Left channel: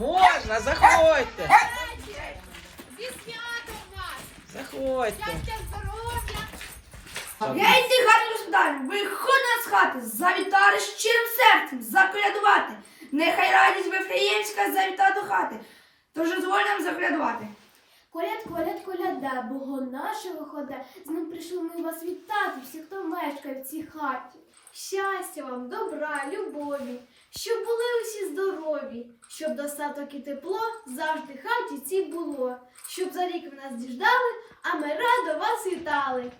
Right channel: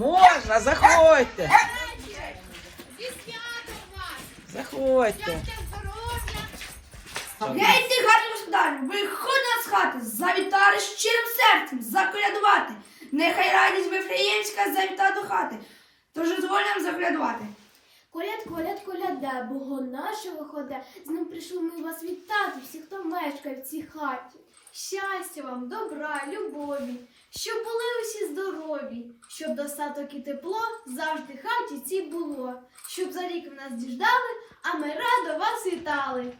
Можна, заходьте. Зі святом вас! Заходьте. Щастя, здоров'я! Гейте, господарі, виходьте з хати, завітали щирим серцем, заколядувати. Нехай радість Вифлеємська завіта до хати, тож дозволям заколядувати. Коляд, коляд, коляда, Бого нашого хода. З ним прийшли ми вас вітати, всі, хто мешкає в цій хаті. Щастя вам, добра, любові, щоб були усі здорові, щоб достаток і тепло завжди хаті цій було, щоб за рік ви нас діждали, а ми радо вас вітали.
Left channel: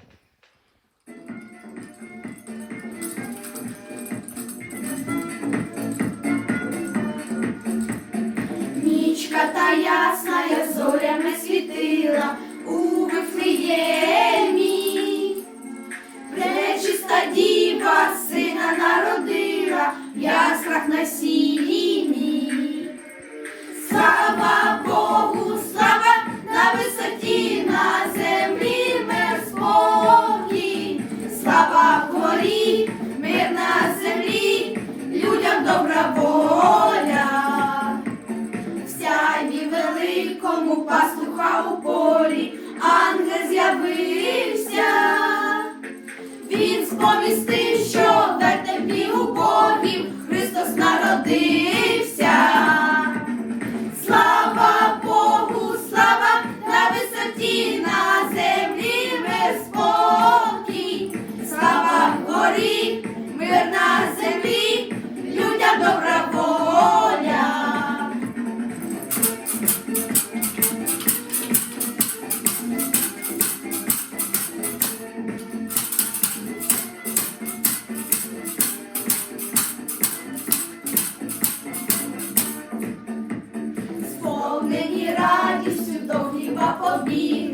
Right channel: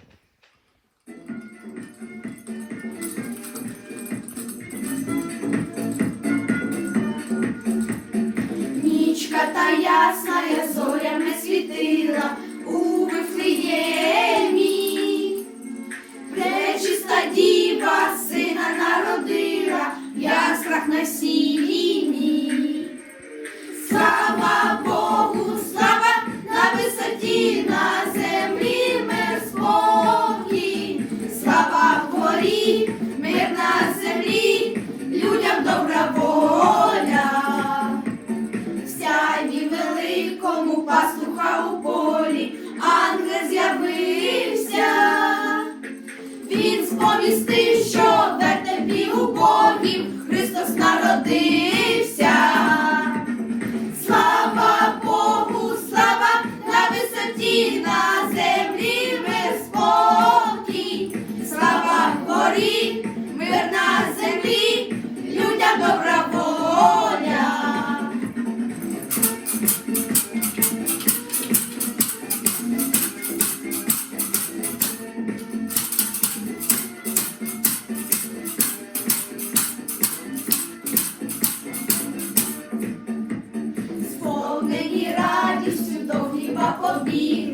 Нічка та ясна, я зорями світила у Вифлеємі. Пречиста діва сина народила, в яскрах на сіні. Великому пастуха у полі ангел з'явився. Він сповістив, що в тобі у Богів Христос народився. Сповнені радістю до хліба побігли,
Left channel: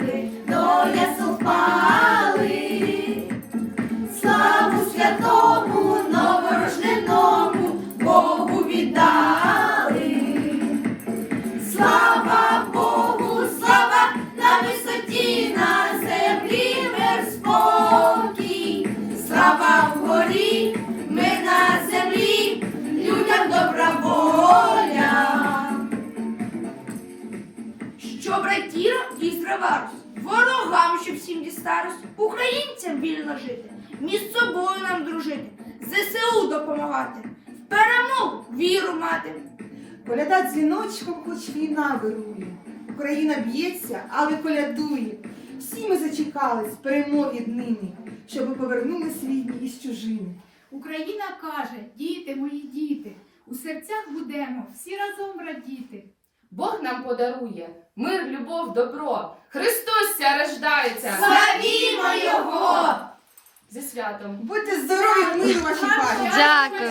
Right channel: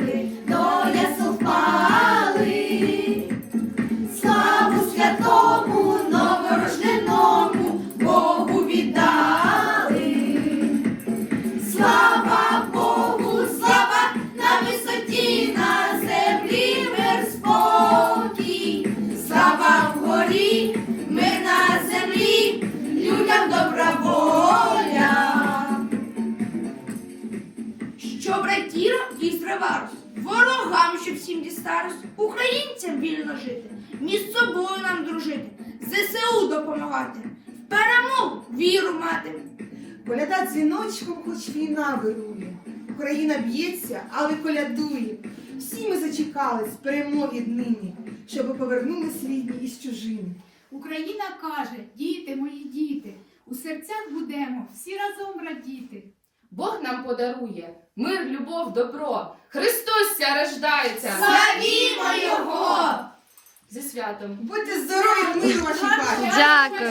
Що братірам і страварус, ворогам, щоб всім дістарус, українцям вільно жити, між собою нам дружити, ЗСУ допомагати, в перемогу віру мати. Коляда дзвіночком, хоч війна вирує. Україна б'ється, але колядує. Всі ми зачекали з перемоги днині, щоби повернули рідні із чужими. Україна каже, діти мої діти, у серцях будемо всі разом радіти. Нам подарує мир, любов, добро. Христос ся рождається. Славімо Його! Зі святом. Будьте здорові, ми ваші хаті! Дякую.